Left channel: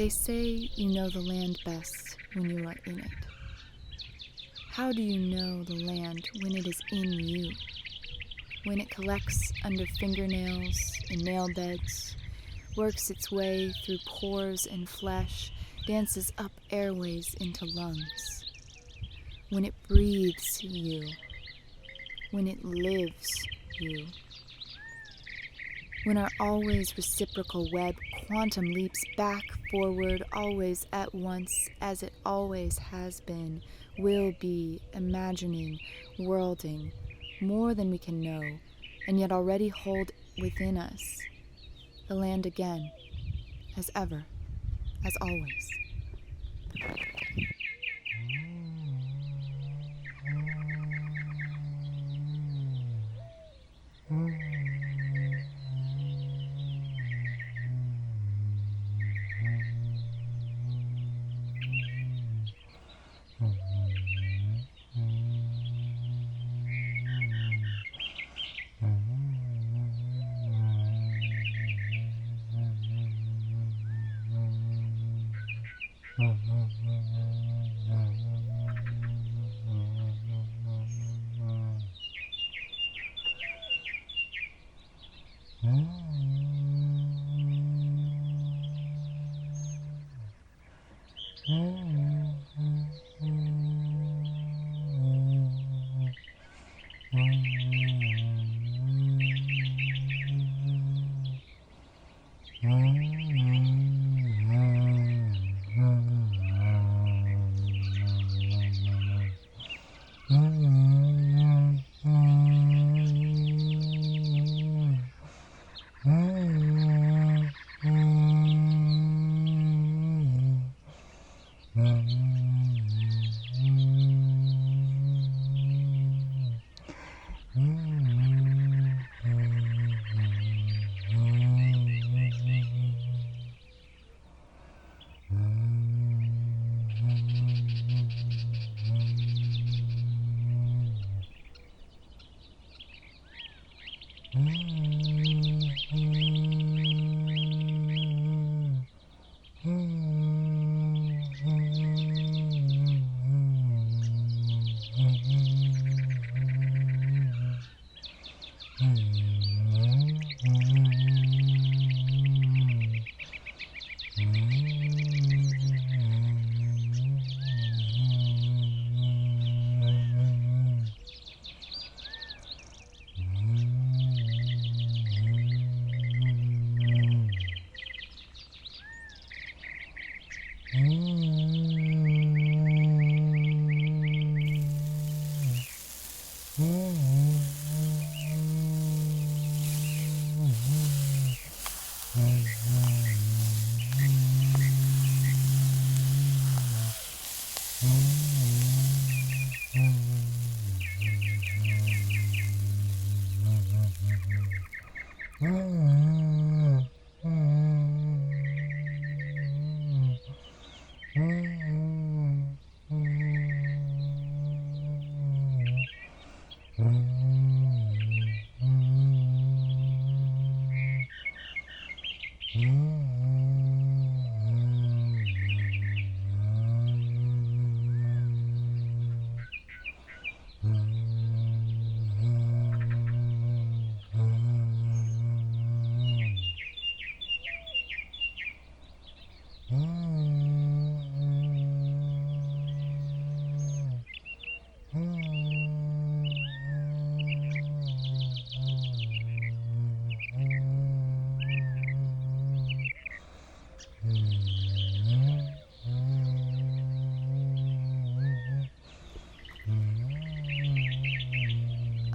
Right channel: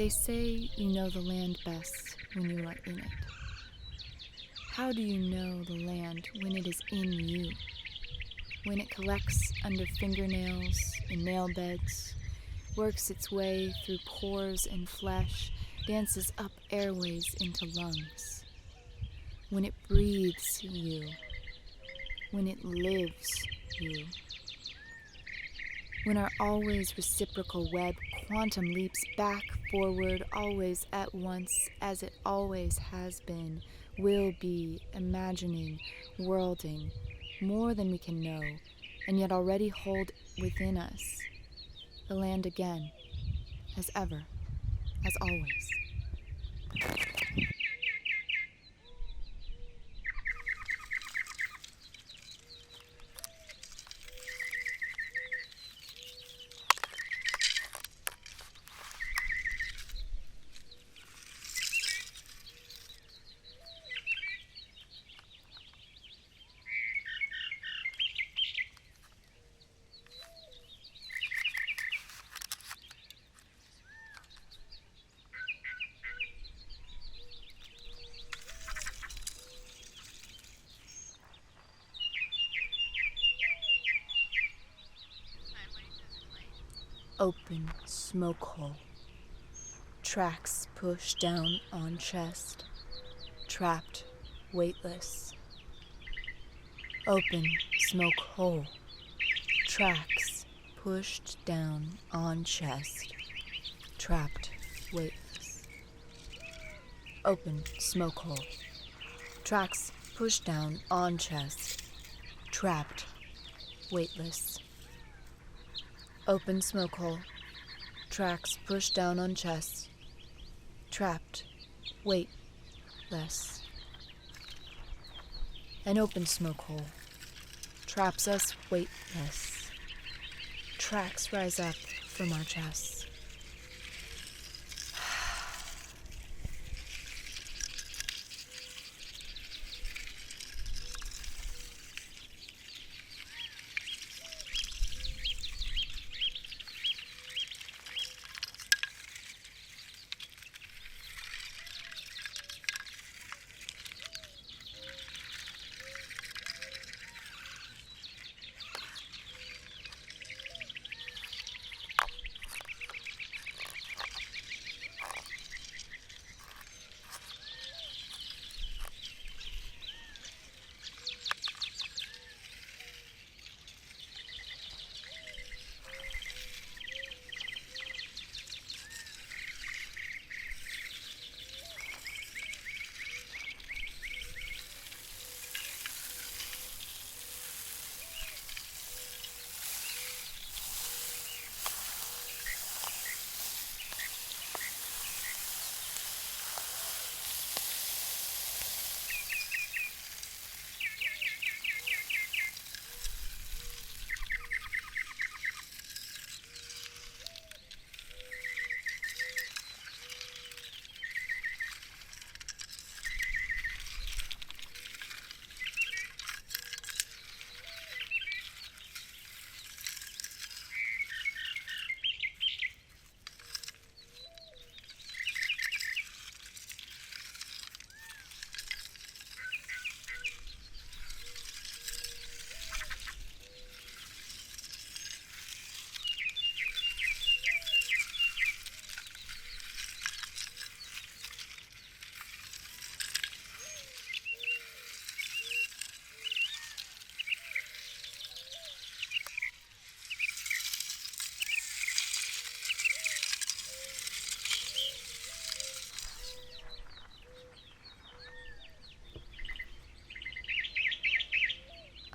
They say you know the land best when you are in it. How do you know the land when it is in you? When it collects under fingernails and nail beds, works its way through pores and flesh, dances up airways into lungs. When it breathes you. When it lives you. When our always reciprocal web quantum leaps back, forward, always at once, as it always has been, will be, imagining, worlding, more than we can know, and yet already hold within us, the land again, as ever, as always. Open smoke hole. Tracks pushed down on chest. Trapped, weightless. Open smoke hole. Tracks pushed down on chest. Trapped, weightless. Open smoke hole. Tracks pushed down on chest. Trapped, weightless. Open smoke hole. Tracks pushed down on chest. Trapped, weightless. An open smoke hole traps us weightless. Tracks rise up from our chests.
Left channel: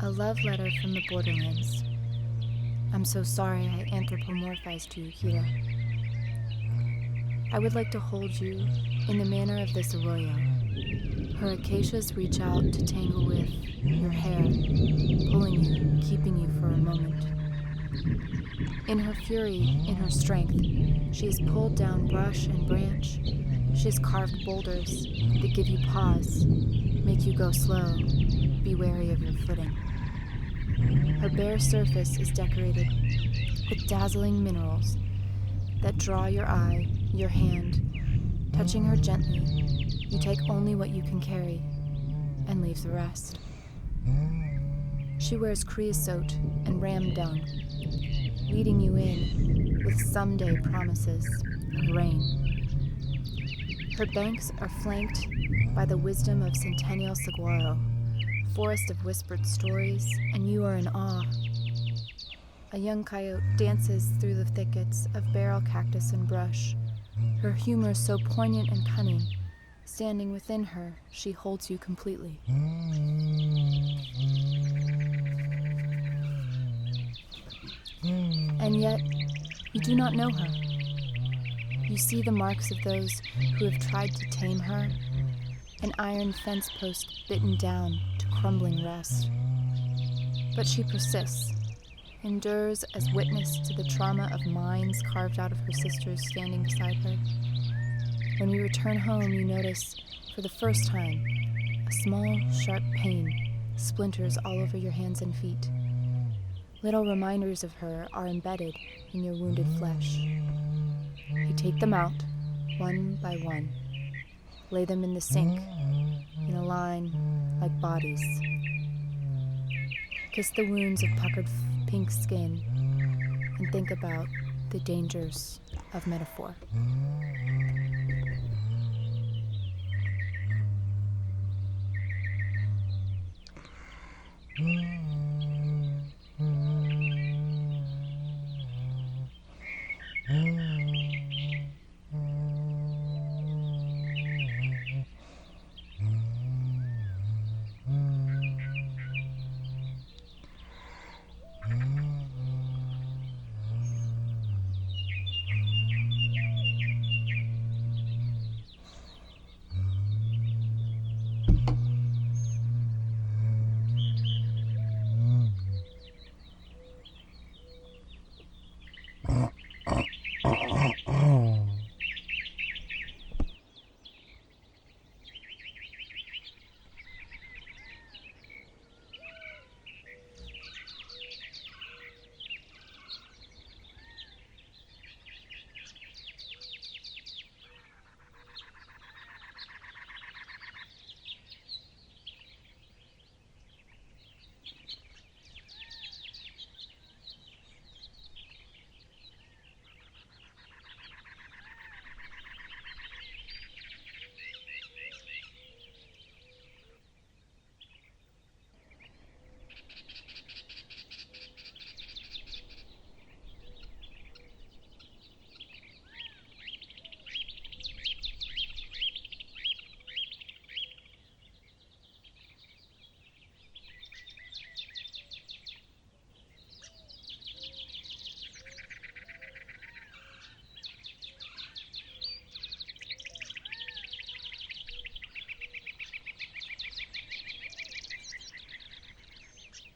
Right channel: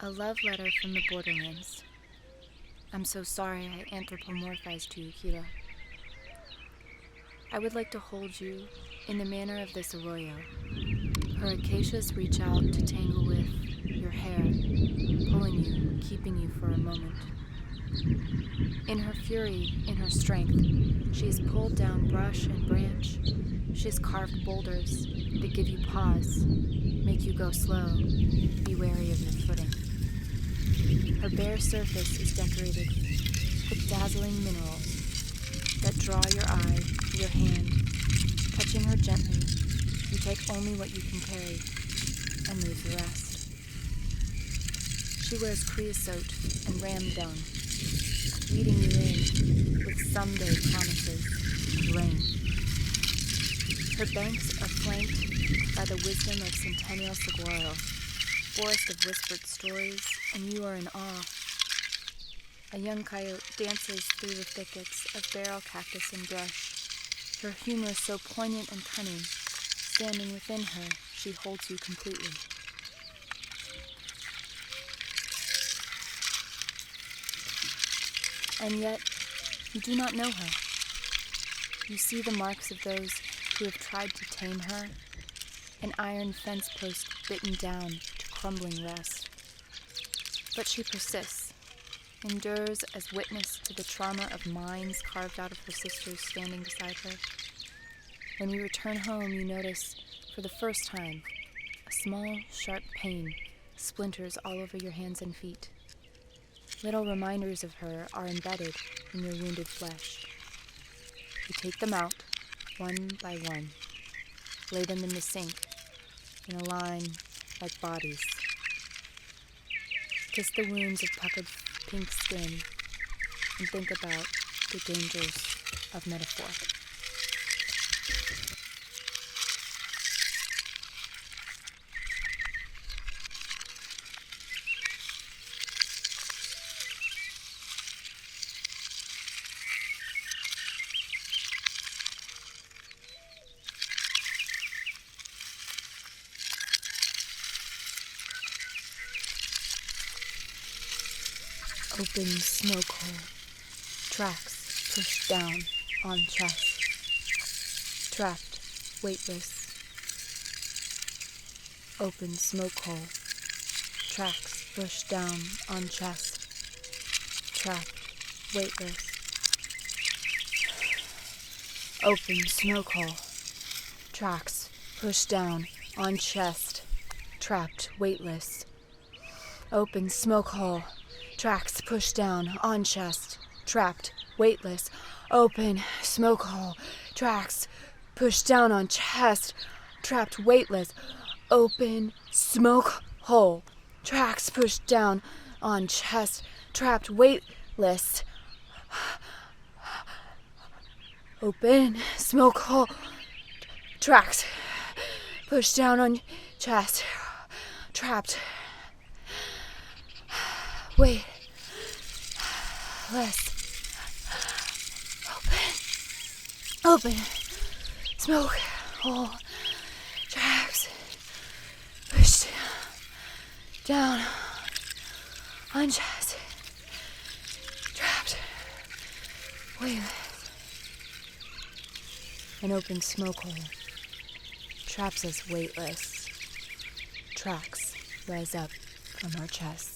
A love letter from the borderlands. I'm so sorry I anthropomorphized you, Hira. I would like to hold you in the manner of this arroyo. Her acacias reach out to tangle with your hair, pulling you, keeping you for a moment. In her fury, in her strength, she has pulled down brush and branch. She has carved boulders that give you pause, make you go slow, be wary of your footing. Her bare surface is decorated with dazzling minerals, that draw your eye, your hand. Touching her gently, you take only what you can carry and leave the rest. She wears creosote and ram dung, leading you in with someday promises of rain. Her banks are flanked by the wisdom of Centennial Saguaro, forest of whispered stories, and you are in awe. A young coyote dances through the thickets of barrel cactus and brush, her humor so poignant and cunning. Standing within her, she holds you completely. And yet, you do not know her. You see the marks of those who have tried to tame her, an iron fence post bitten down to crumbling rest. But she persists, endures as witness to the trauma of minds carved out of her sisters standing beside her. When we return home, you notice, for the first time, a small, sharp pain splinters all over your hands and feet. Little reminders of her are embedded in your wounded flesh. You take them out, one by one, lay them in the sink, in a line like bodies. Kiss the wounds of puckered pink skin, and think about the dangers of metaphor. Open smoke hole, tracks pushed down on chest, trapped, weightless. Open smoke hole, tracks pushed down on chest, trapped, weightless. Open smoke hole, tracks pushed down on chest, trapped, weightless. Open smoke hole, tracks pushed down on chest, trapped, weightless. Open smoke hole, tracks pushed down on chest, trapped, weightless. Open smoke hole, tracks pushed down on chest, trapped, weightless. Open smoke hole, tracks pushed down on chest, trapped, weightless. Open smoke hole, tracks pushed down on chest, trapped, weightless. An open smoke hole traps us weightless. Tracks rise up from our chests.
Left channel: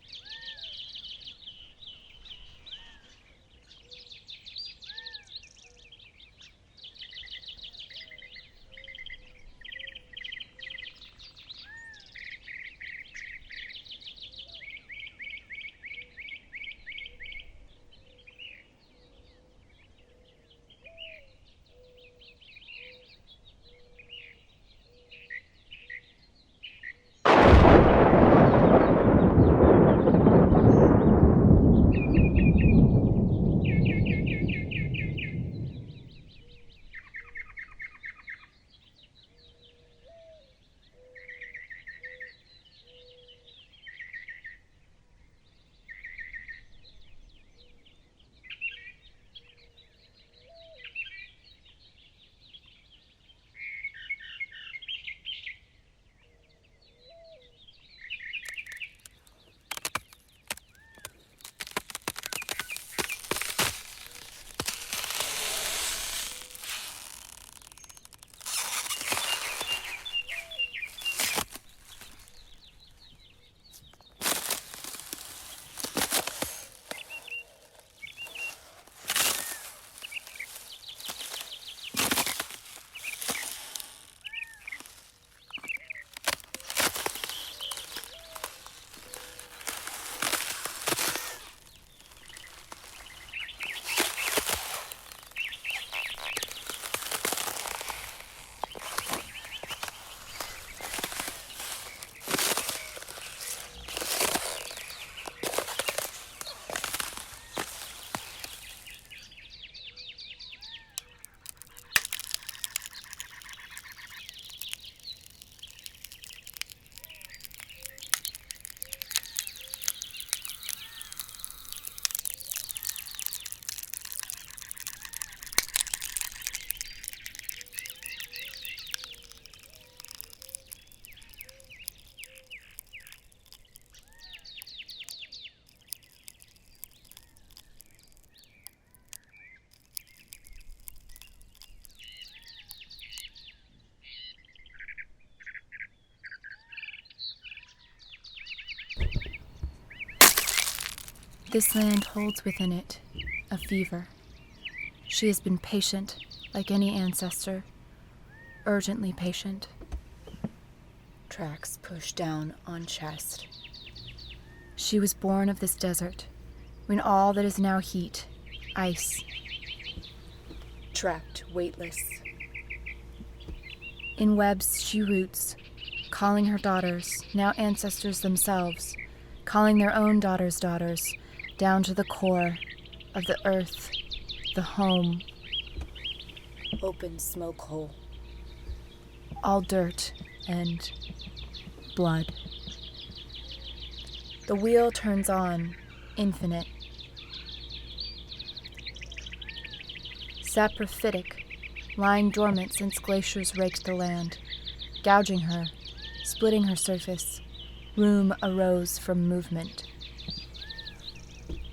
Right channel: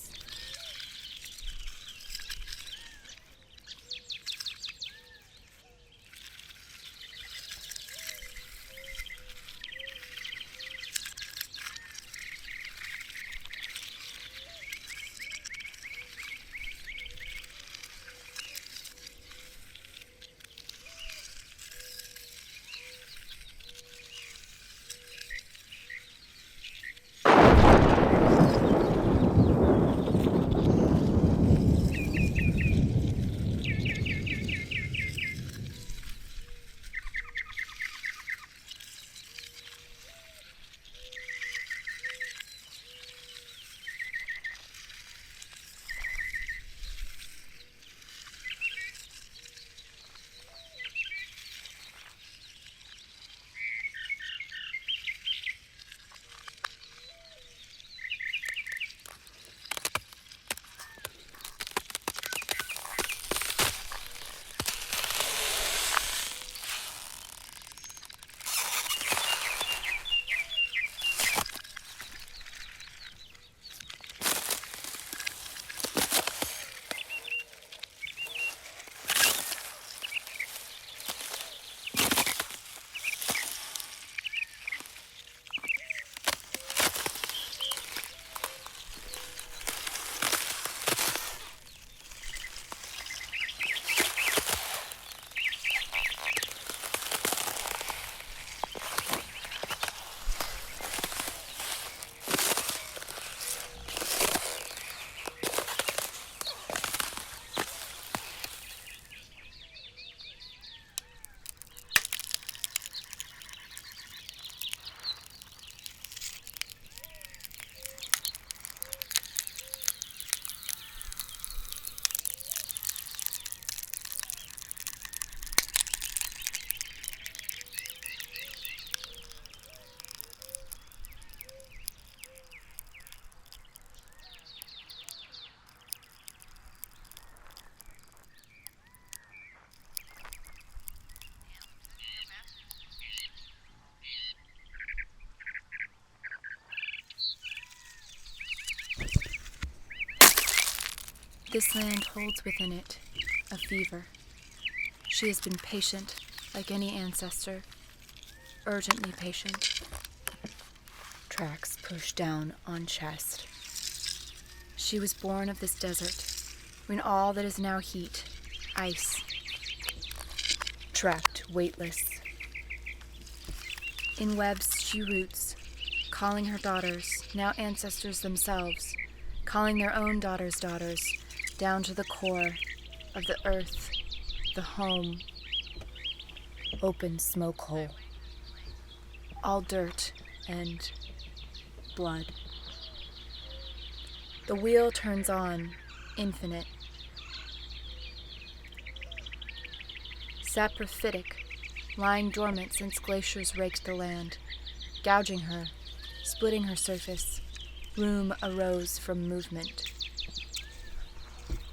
This land holds within it a fever. She has been patient, like any ancestor, urgently patient. Tracks push down on chest. She was born of this desert, when all that is now heat, ice, trapped, weightless. In webs she roots, calling her daughters, now ancestors themselves, calling their own daughters' daughters, down to the core of the earth, the home. Open smoke hole. All dirt and blood. The wheel turns on, infinite. Saprophytic, lying dormant since glaciers raked the land, gouging her, splitting her surface. Room arose from movement.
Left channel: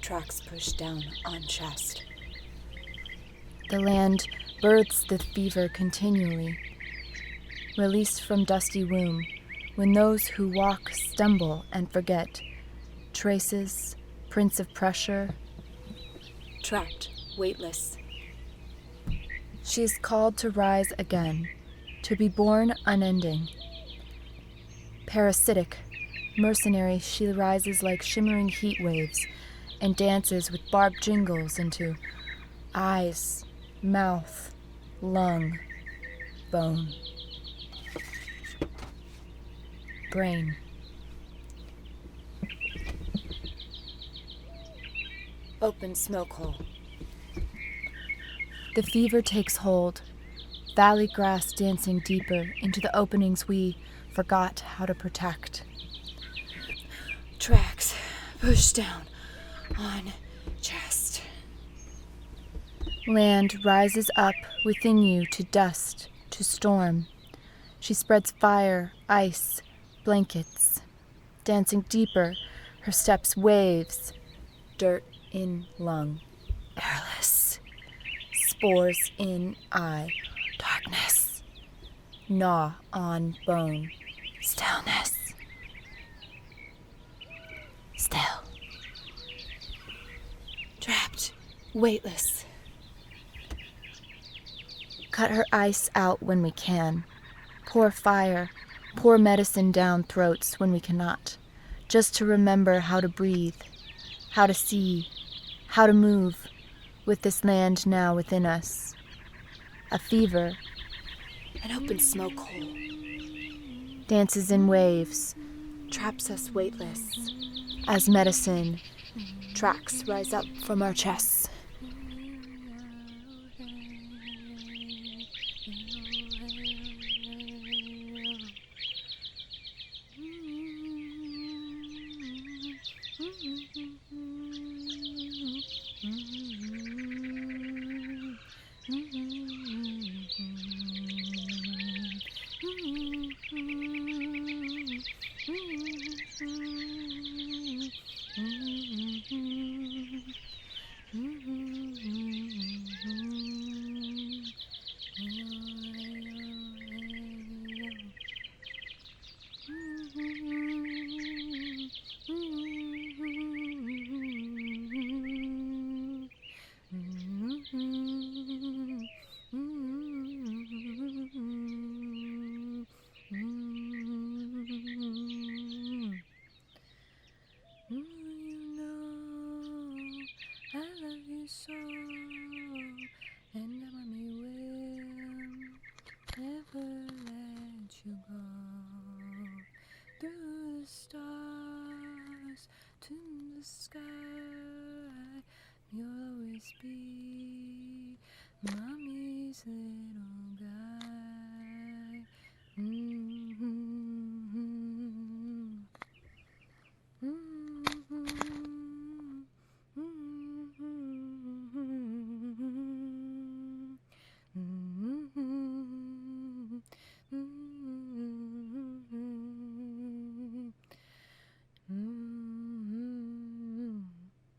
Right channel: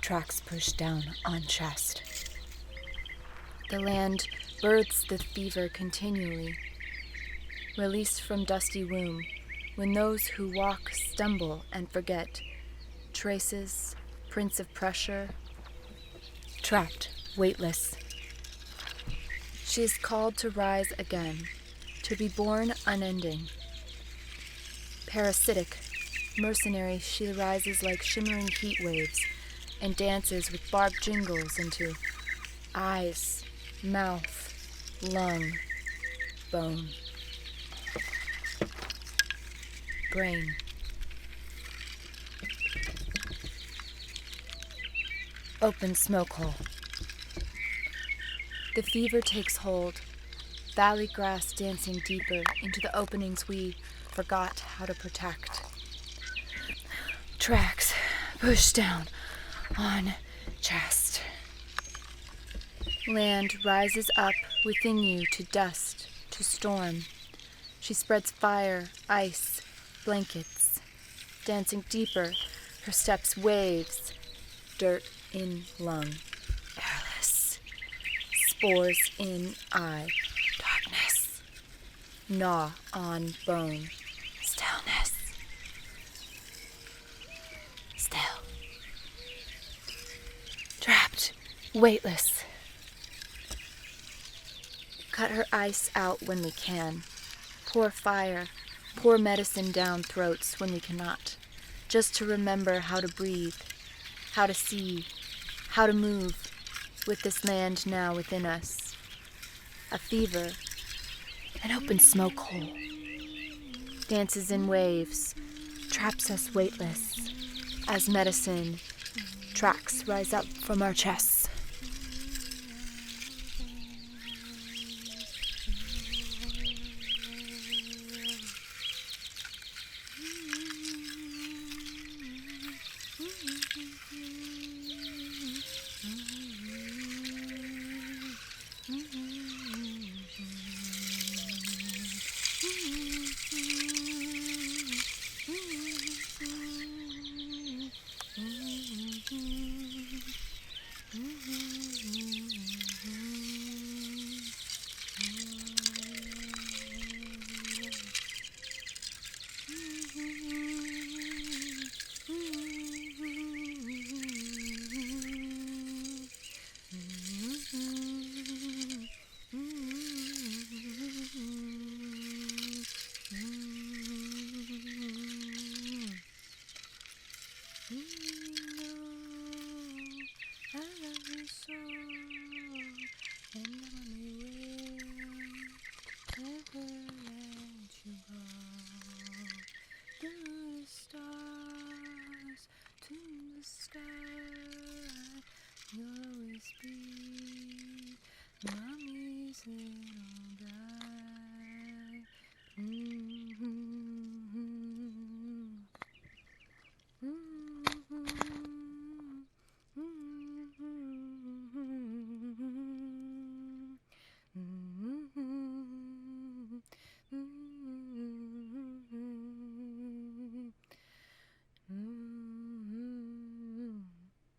Tracks push down on chest. The land births the fever continually. Released from dusty womb, when those who walk stumble and forget. Traces, prints of pressure. Trapped, weightless. She is called to rise again, to be born unending. Parasitic, mercenary, she rises like shimmering heat waves and dances with barbed jingles into eyes, mouth, lung, bone, brain. Open smoke hole. The fever takes hold, valley grass dancing deeper into the openings we forgot how to protect. Tracks push down on chest. Land rises up within you to dust, to storm. She spreads fire, ice, blankets. Dancing deeper, her steps waves, dirt in lung, airless. Spores in eye, darkness. Gnaw on bone, stillness. Still. Trapped, weightless. Cut her ice out when we can. Pour fire, pour medicine down throats when we cannot. Just to remember how to breathe, how to see, how to move with this land now within us. A fever, an open smoke hole. Dances in waves, traps us weightless. As medicine, tracks rise up from our chests. Sky, you'll always be mommy's little